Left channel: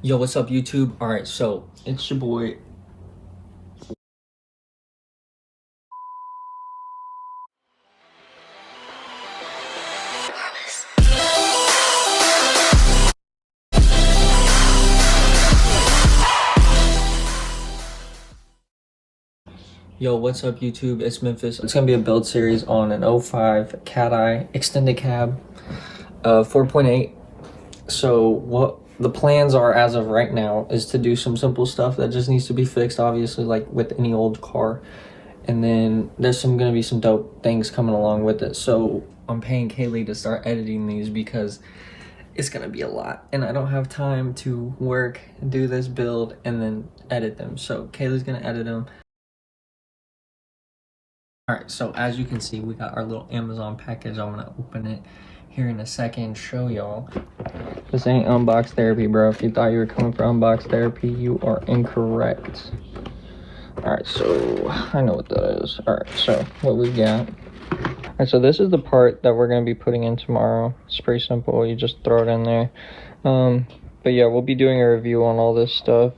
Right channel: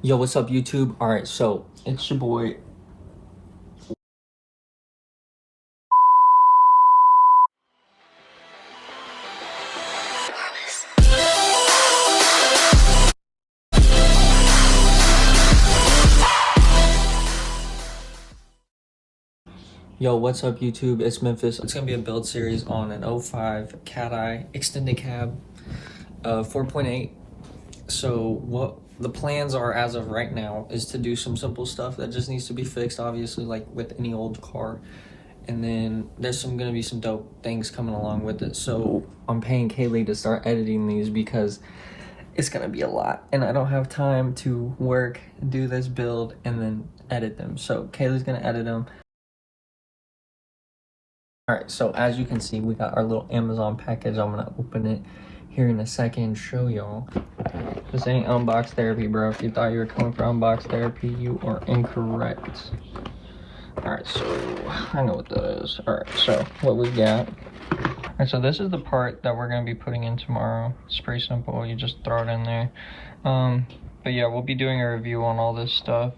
Yo, what's up, YouTube? All right, so it's your boy. Yo, what's up, YouTube? It's Memphis. It's gonna be a build series on an 05 Cat Eye extended cab, 4.8. So what the plans are as of right now is to do some simple stuff that just needs to be fixed, obviously, like with any old car. And then there's gonna be some dope things coming along with it. So I'm paying Kaylee to start editing these because it's gonna be a lot, and I don't have time to work and do this build and then edit them. So Kaylee's gonna edit them. All right, so as you can see, we got our little Amazon package. I'm gonna open it here in a second, show y'all. This ain't unbox therapy, bro. If you thought you were coming for unbox therapy, you are incorrect. All right, so I know what that is. All right, so what we got. All right, so this is the part that we're gonna be putting in tomorrow. It's pretty simple, you just throw it in there. But yeah, we'll be doing a review on all this stuff.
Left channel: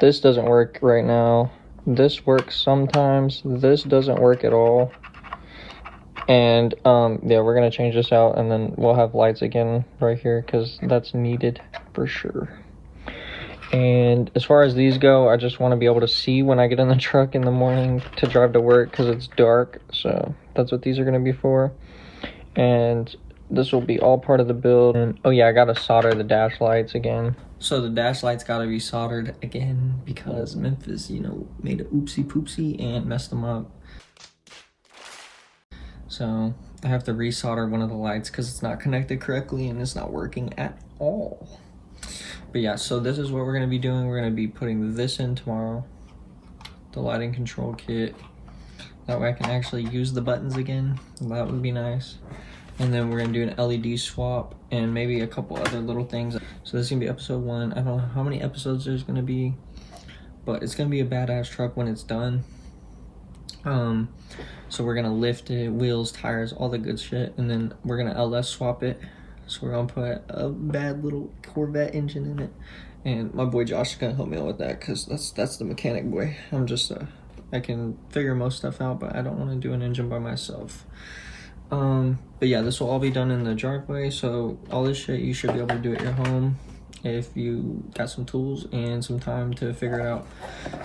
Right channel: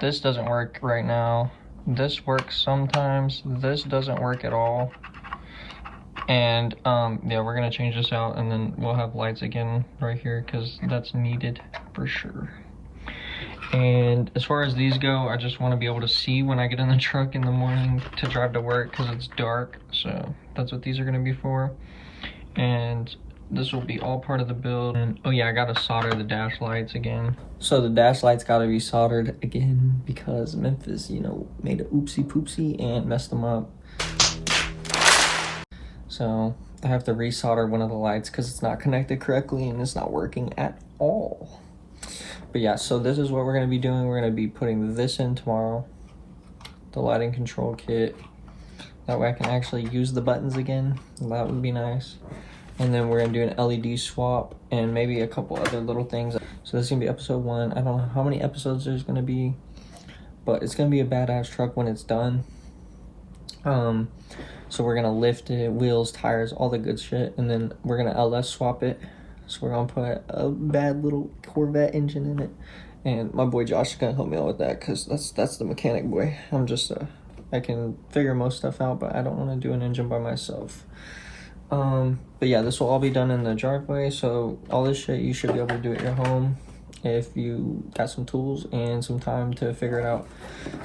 This doesn't work right now. This works sometimes. This doesn't work at all. And yeah, we're gonna change this out, and then we'll have lights again right here because that's needed for sure. And as far as these go, I just want to be able to see when I get in the truck in the morning to drive to work because it's dark. So that's what these are going to be for. And this will be all part of the build. And oh yeah, I got to solder the dash lights again. So the dash lights got to be soldered again because Memphis, you know, made a oopsie poopsie and messed them up. So I have to resolder one of the lights because it's not connected correctly and it's not working at all. But yeah, so this is what we're going to be doing. We're going to be putting this in tomorrow, the lighting control kit. That way I can actually use the buttons again. That would be nice. And then we're going to do an LED swap and maybe a couple other little things. So this is going to be episode 1. I don't know how many episodes there's going to be, but it's going to be a badass truck when it's done. So we're going to lift it, wheels, tires, all the good shit. And then we're going to LS swap it. So we're gonna put a bad little Corvette engine in it, and my boy Josh is gonna help me out with that because that's the mechanic boy. I'm just I can figure most stuff out, but I don't want to do an engine by myself. But yeah, this will all be done in the driveway. So all this shit you should be able to do at your home if you got some tools and some time to figure it out.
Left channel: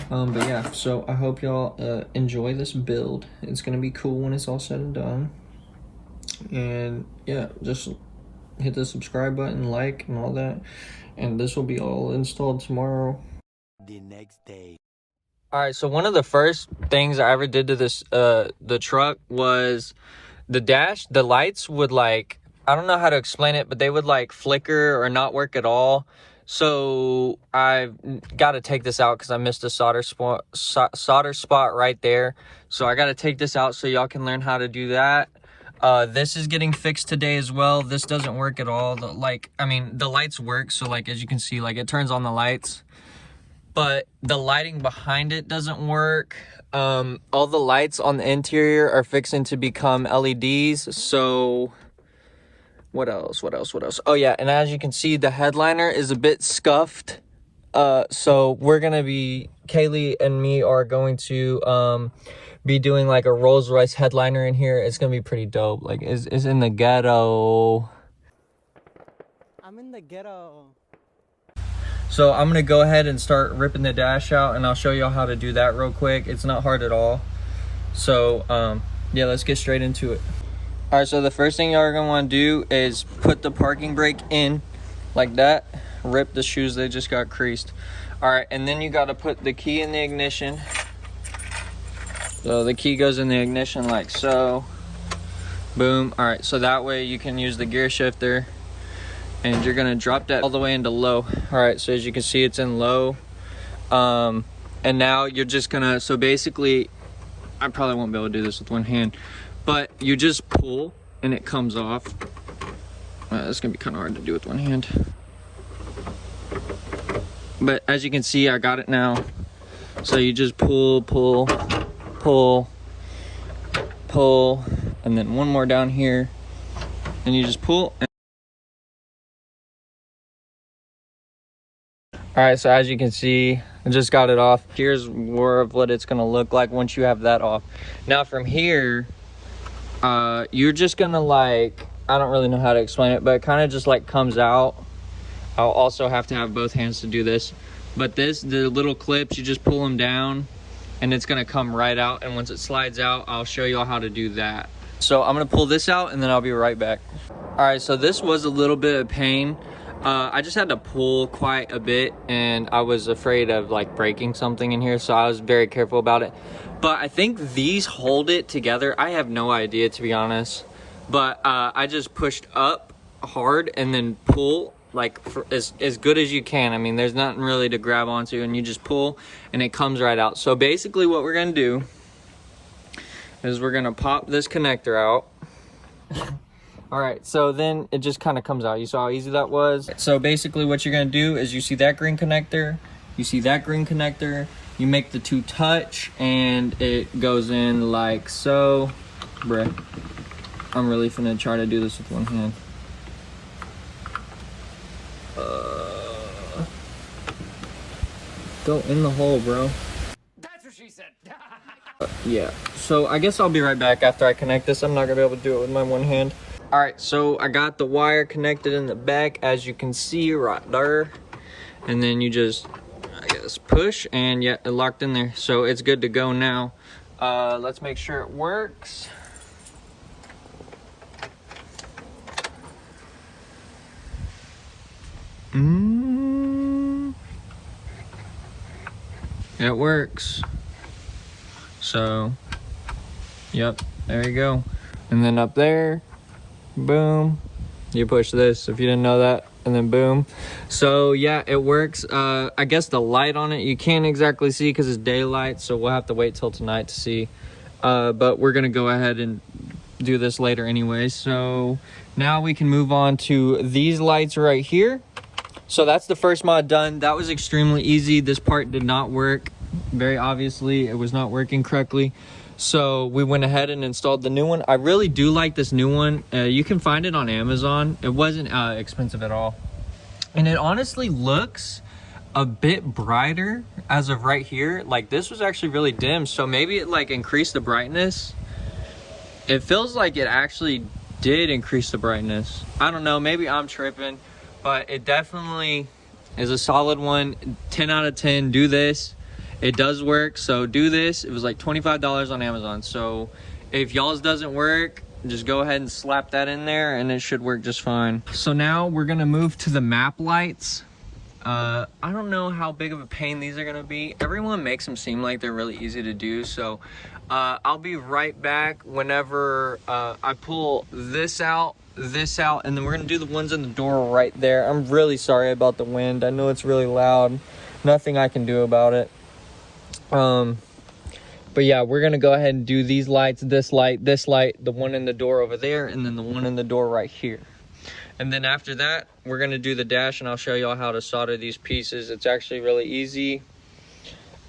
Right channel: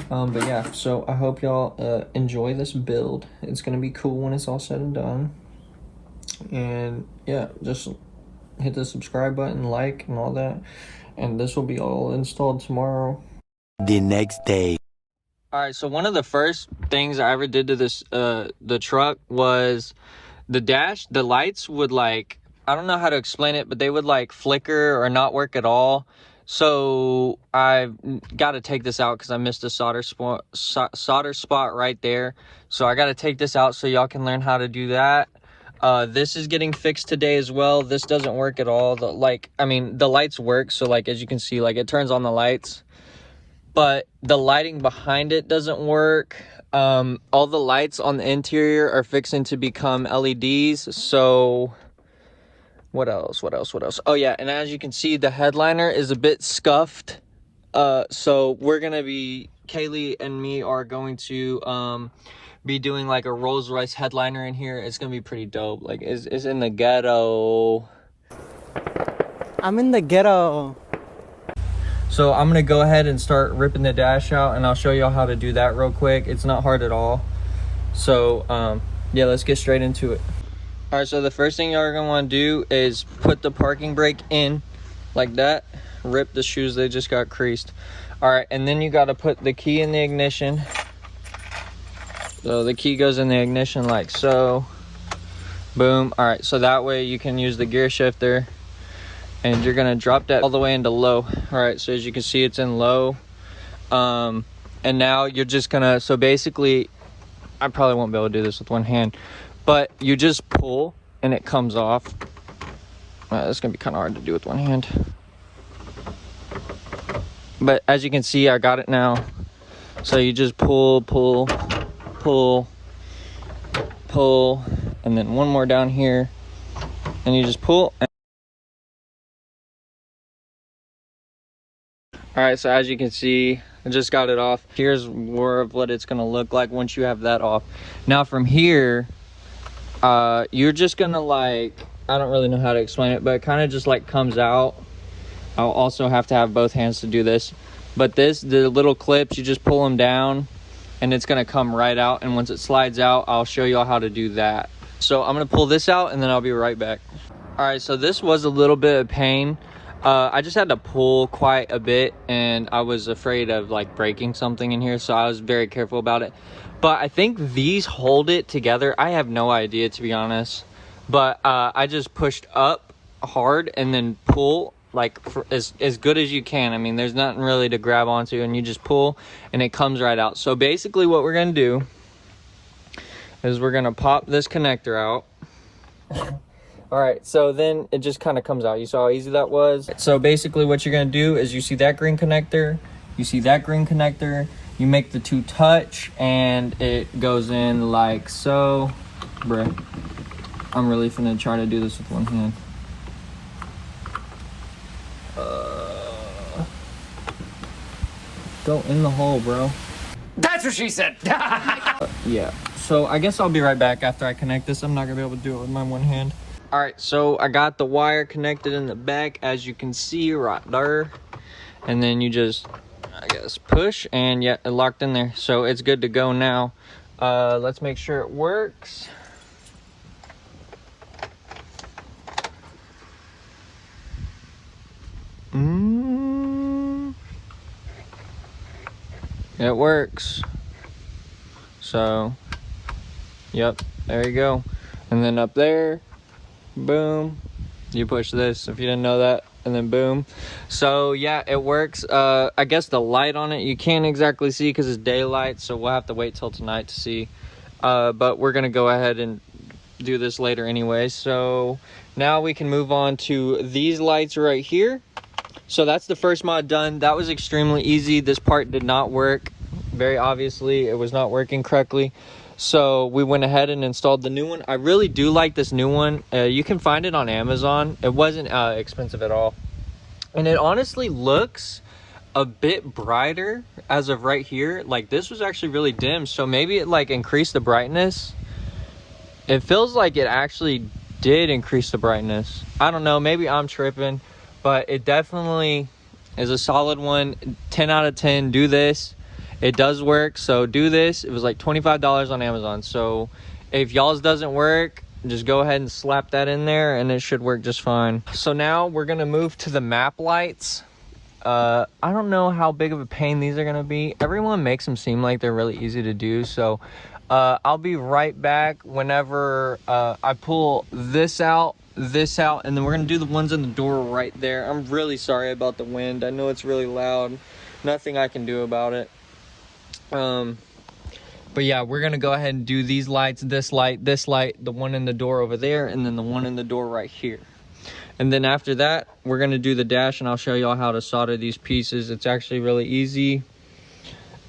But yeah, so I hope y'all enjoy this build. It's gonna be cool when it's all said and done. And yeah, just hit the subscribe button, like, and all that. And this will be all installed tomorrow. The next day. All right, so one of the first things I ever did to this, the truck was the dash, the lights would like, I don't know how to explain it, but they would like flicker or not work at all. So I've got to take this out because I missed a solder spot right there. So I got to take this out so y'all can learn how to do that. This is getting fixed today as well. This doesn't work at all. The lights work, so like as you can see, like it turns on the lights, but the lighting behind it doesn't work. All the lights on the interior are fixing to become LEDs. So what else? Oh yeah, and as you can see, the headliner is a bit scuffed. So we're gonna be, Kaylee and me are going to be doing like a Rolls Royce headliner in here. It's gonna be pretty dope. Like it's in the ghetto. I'm in the ghetto. So I'm gonna go ahead and start ripping the dash out, and I'll show y'all how to do that real quick. It's not hard at all. So yeah, let's get straight into it. All right, so the first thing y'all are gonna want to do is put the parking brake in like that. Rip the shoes, they just got creased. All right, and then you got to put the key in the ignition. So the key goes in the ignition like so. Boom. All right, so that way you can use the gear shifter, and you're gonna drop that all the way into low. All right, so as you can see, it's in low. And now you're just gonna, so basically, I probably won't be able to do this with one hand, but you just pull and it comes off. It's gonna be kind of hard to do with one hand. But as you can see, I got it now. So you just pull, and then one more down here, and you just pull. All right, so as you can see, I just got it off. Here's more of what it's gonna look like once you have that off. Now from here, you're just gonna like, I don't really know how to explain it, but it kind of just like comes out. I'll also have to have both hands to do this. But the little clips, you just pull them down and it's gonna come right out. And once it slides out, I'll show y'all how to do that. So I'm gonna pull this out and then I'll be right back. All right, so this was a little bit of pain. I just had to pull quite a bit and I was afraid of like breaking something in here, so I was very careful about it. But I think these hold it together. I have no idea, to be honest. But I just pushed up hard and then pull like as good as you can. I mean, there's nothing really to grab onto, and you just pull and it comes right out. So basically what we're gonna do is we're gonna pop this connector out. All right, so then it just kind of comes out. You saw how easy that was? So basically what you're gonna do is you see that green connector, you see that green connector, you make the two touch and it goes in like so. Bruh, I'm really finna try to do this with one hand. Go in the hole, bro. That's what she said. Yeah, so I guess I'll be right back after I connect this. I'm not gonna be able to do it with my one hand. All right, so I got the wire connected in the back, as you can see right there. And then you just, I guess, push and yeah, it locked in there. So it's good to go now. Let's make sure it works. It works. So, yep, there you go. And then up there, boom, you push this if you didn't know that, and then boom. So yeah, it works. I guess the light on it, you can't exactly see because it's daylight, so we'll have to wait till tonight to see. But we're gonna go ahead and do this later anyway. So now we can move on to these lights right here. So that's the first mod done. That was extremely easy. This part did not work. Very obviously, it was not working correctly. So we went ahead and installed the new one. I really do like this new one. You can find it on Amazon. It wasn't expensive at all. And it honestly looks a bit brighter as of right here. Like this was actually really dim. So maybe it like increased the brightness. It feels like it actually did increase the brightness. I don't know, maybe I'm tripping, but it definitely is a solid one. 10 out of 10, do this. It does work, so do this. It was like $25 on Amazon. So if y'all's doesn't work, just go ahead and slap that in there and it should work just fine. So now we're gonna move to the map lights. I don't know how big of a pain these are gonna be. Everyone makes them seem like they're really easy to do. So I'll be right back whenever I pull this out, and then we're gonna do the ones in the door right there. I'm really sorry about the wind. I know it's really loud. Nothing I can do about it. But yeah, we're gonna go ahead and do these lights, this light, the one in the door over there, and then the one in the door right here. And then after that, we're gonna do the dash, and I'll show y'all how to solder these pieces. It's actually really easy.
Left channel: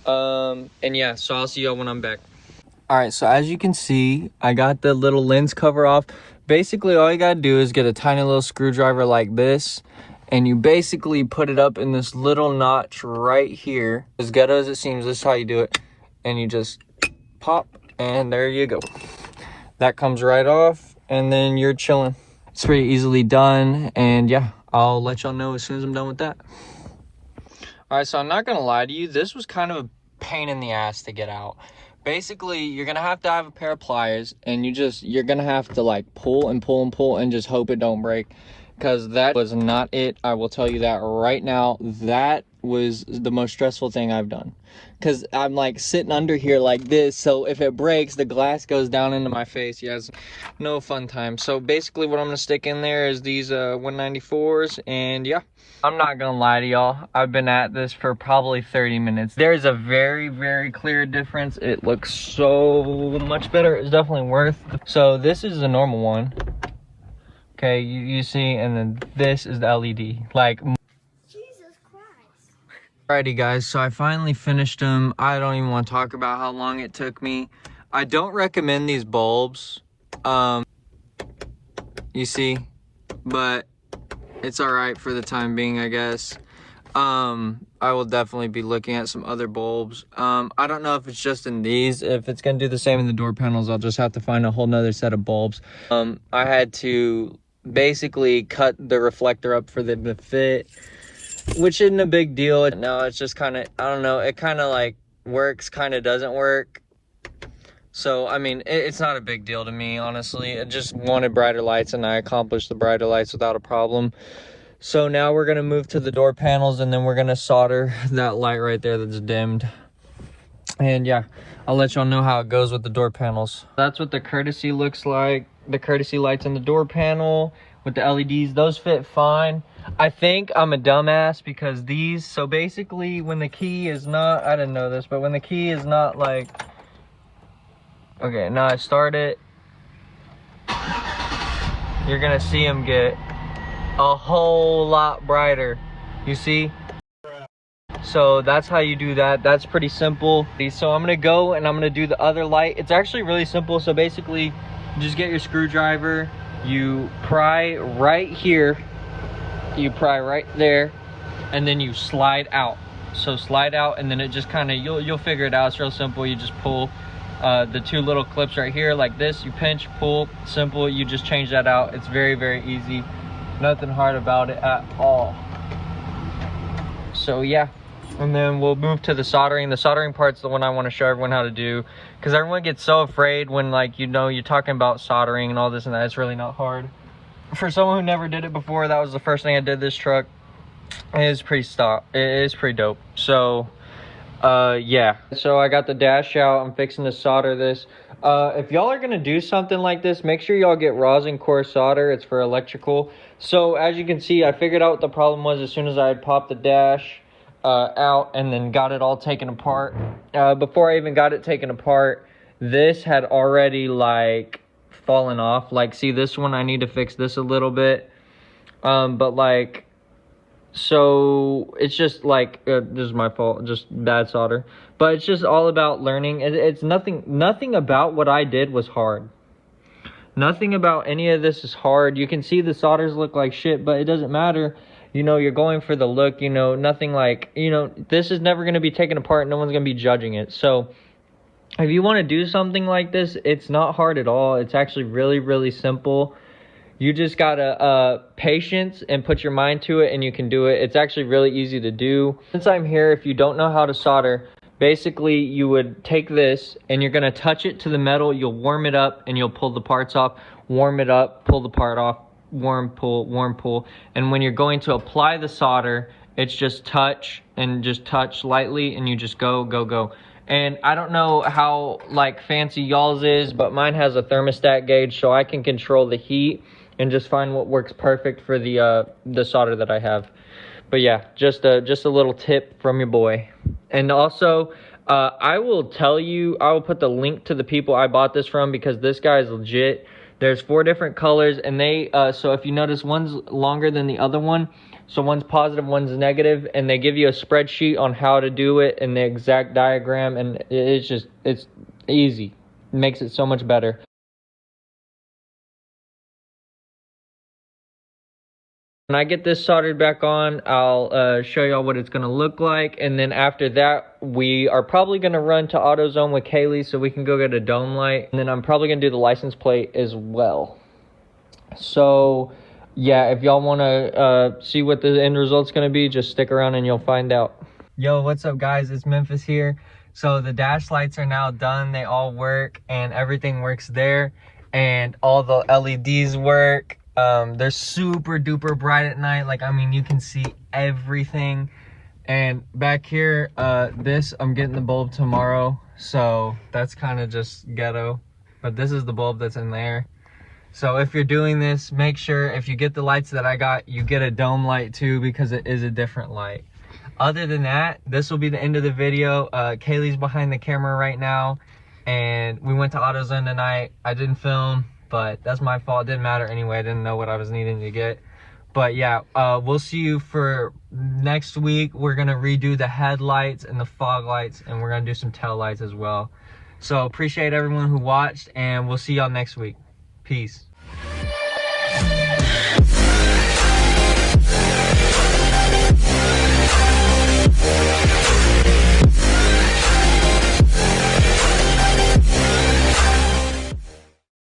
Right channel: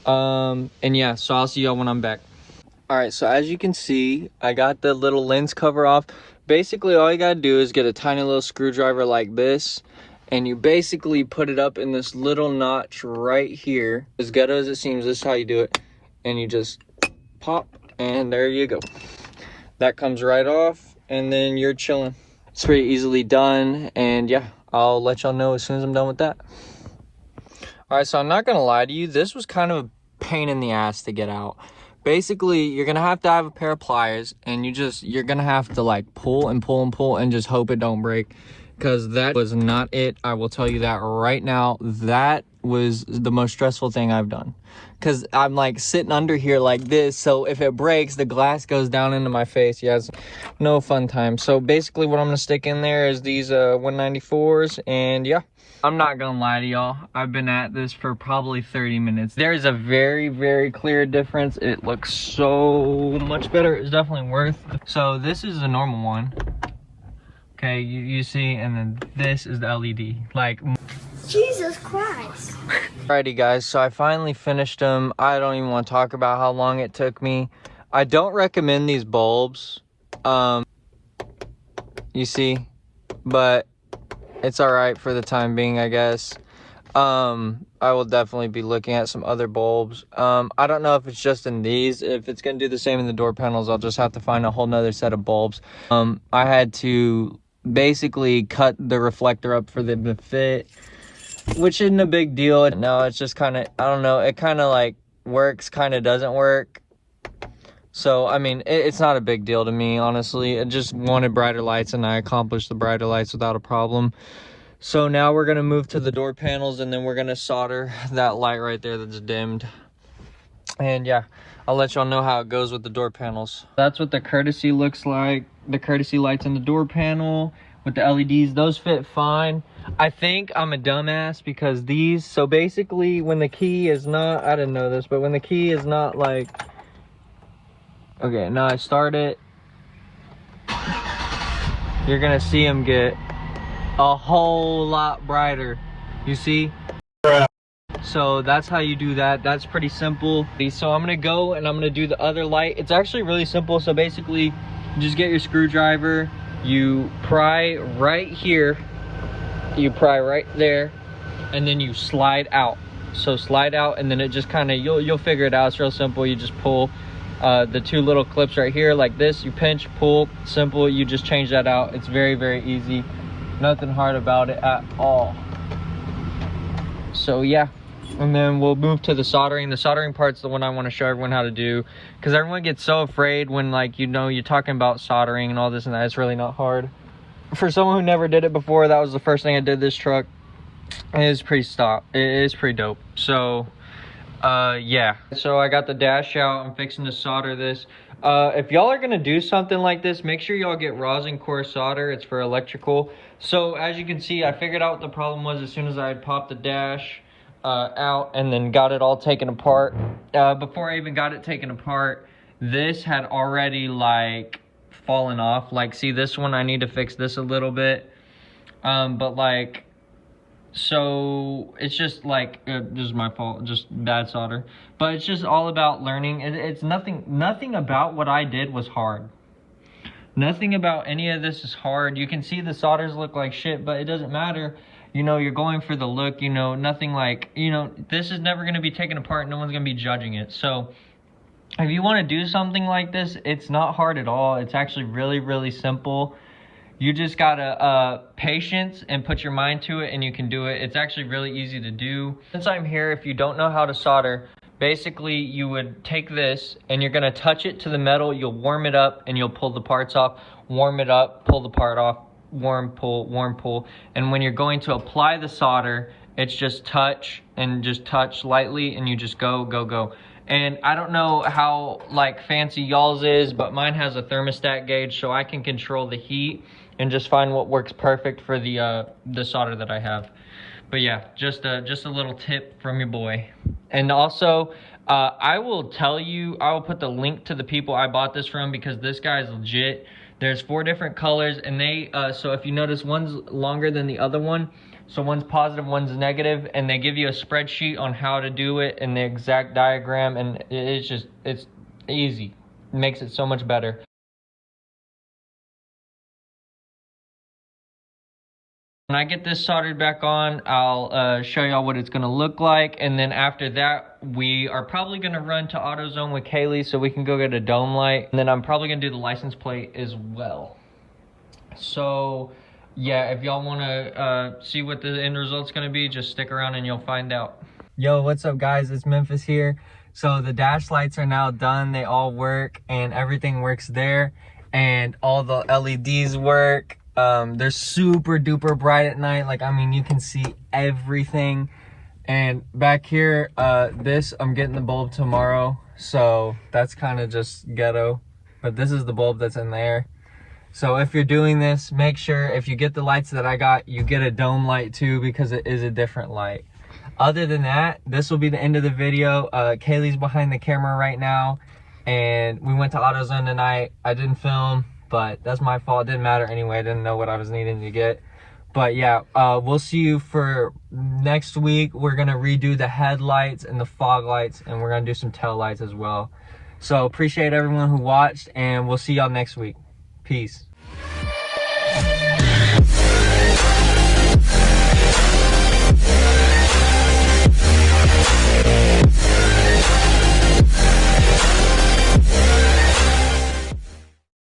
And yeah, so I'll see y'all when I'm back. All right, so as you can see, I got the little lens cover off. Basically, all you gotta do is get a tiny little screwdriver like this, and you basically put it up in this little notch right here. As ghetto as it seems, this is how you do it. And you just pop, and there you go. That comes right off, and then you're chilling. It's pretty easily done, and yeah, I'll let y'all know as soon as I'm done with that. All right, so I'm not gonna lie to you, this was kind of a pain in the ass to get out. Basically, you're gonna have to have a pair of pliers, and you're gonna have to like pull and pull and pull and just hope it don't break. Because that was not it. I will tell you that right now. That was the most stressful thing I've done. Because I'm like sitting under here like this. So if it breaks, the glass goes down into my face. Yeah, it's no fun time. So basically what I'm going to stick in there is these 194s. And yeah, I'm not going to lie to y'all. I've been at this for probably 30 minutes. There's a very, very clear difference. It looks so much better. It's definitely worth it. So this is the normal one. Okay, you see, and then this is the LED. Like, Jesus Christ. Alrighty guys, so I finally finished them. I don't even want to talk about how long it took me. I don't recommend these bulbs. You see, but it's alright for the time being, I guess. I will definitely be looking at some other bulbs. I don't know if it's just in these. If it's gonna do the same in the door panels, I'll just have to find a whole nother set of bulbs. I had to basically cut the reflector up for them to fit, which isn't a big deal. No, it's just kind of, I don't know, it kind of like works, kind of doesn't work. So, I mean, it's not a big deal to me, honestly. I just wanted brighter lights, and I accomplished the brighter lights without a problem. So now we're gonna move to the door panels, and then we're gonna solder that light right there that's dimmed. And yeah, I'll let y'all know how it goes with the door panels. That's what the courtesy looks like. The courtesy lights on the door panel with the LEDs, those fit fine. I think I'm a dumbass because these, so basically when the key is not, I didn't know this, but when the key is not like, okay, now I start it, you're gonna see them get a whole lot brighter, you see? So that's how you do that. That's pretty simple. So I'm gonna go and I'm gonna do the other light. It's actually really simple. So basically, you just get your screwdriver, you pry right here, you pry right there, and then you slide out. So slide out, and then it just kind of, you'll figure it out. It's real simple. You just pull the two little clips right here like this. You pinch, pull, simple. You just change that out. It's very, very easy. Nothing hard about it at all. So yeah, and then we'll move to the soldering. The soldering part's the one I want to show everyone how to do, because everyone gets so afraid when, like, you know, you're talking about soldering and all this and that. It's really not hard. For someone who never did it before, that was the first thing I did this truck. It is pretty dope. So yeah, so I got the dash out. I'm fixing to solder this. If y'all are gonna do something like this, make sure y'all get rosin core solder. It's for electrical. So as you can see, I figured out what the problem was as soon as I had popped the dash out and then got it all taken apart. Before I even got it taken apart, this had already like fallen off. Like, see this one, I need to fix this a little bit. But like, so it's just like, this is my fault, just bad solder. But it's just all about learning. It's nothing about what I did was hard. Nothing about any of this is hard. You can see the solders look like shit, but it doesn't matter. You know, you're going for the look, you know, nothing like, you know, this is never going to be taken apart. No one's going to be judging it. So if you want to do something like this, it's not hard at all. It's actually really, really simple. You just gotta patience and put your mind to it, and you can do it. It's actually really easy to do. Since I'm here, if you don't know how to solder, basically you would take this and you're gonna touch it to the metal. You'll warm it up and you'll pull the parts off. Warm it up, pull the part off, warm, pull. And when you're going to apply the solder, it's just touch and just touch lightly, and you just go. And I don't know how like fancy y'all's is, but mine has a thermostat gauge, so I can control the heat and just find what works perfect for the solder that I have. But yeah, just a little tip from your boy. And also, I will put the link to the people I bought this from, because this guy is legit. There's 4 different colors, and they, so if you notice, one's longer than the other one. So one's positive, one's negative, and they give you a spreadsheet on how to do it and the exact diagram, and it's easy. It makes it so much better. When I get this soldered back on, I'll show y'all what it's gonna look like, and then after that, we are probably gonna run to AutoZone with Kaylee so we can go get a dome light, and then I'm probably gonna do the license plate as well. So yeah, if y'all wanna see what the end result's gonna be, just stick around and you'll find out. Yo, what's up guys? It's Memphis here. So the dash lights are now done. They all work and everything works there, and all the LEDs work. They're super duper bright at night. Like, I mean, you can see everything. And back here, I'm getting the bulb tomorrow, so that's kind of just ghetto, but this is the bulb that's in there. So if you're doing this, make sure if you get the lights that I got, you get a dome light too, because it is a different light. Other than that, this will be the end of the video. Kaylee's behind the camera right now, and we went to AutoZone tonight. I didn't film, but that's my fault. It didn't matter anyway. I didn't know what I was needing to get. But yeah, we'll see you for next week. We're gonna redo the headlights and the fog lights, and we're gonna do some tail lights as well. So appreciate everyone who watched, and we'll see y'all next week. Peace.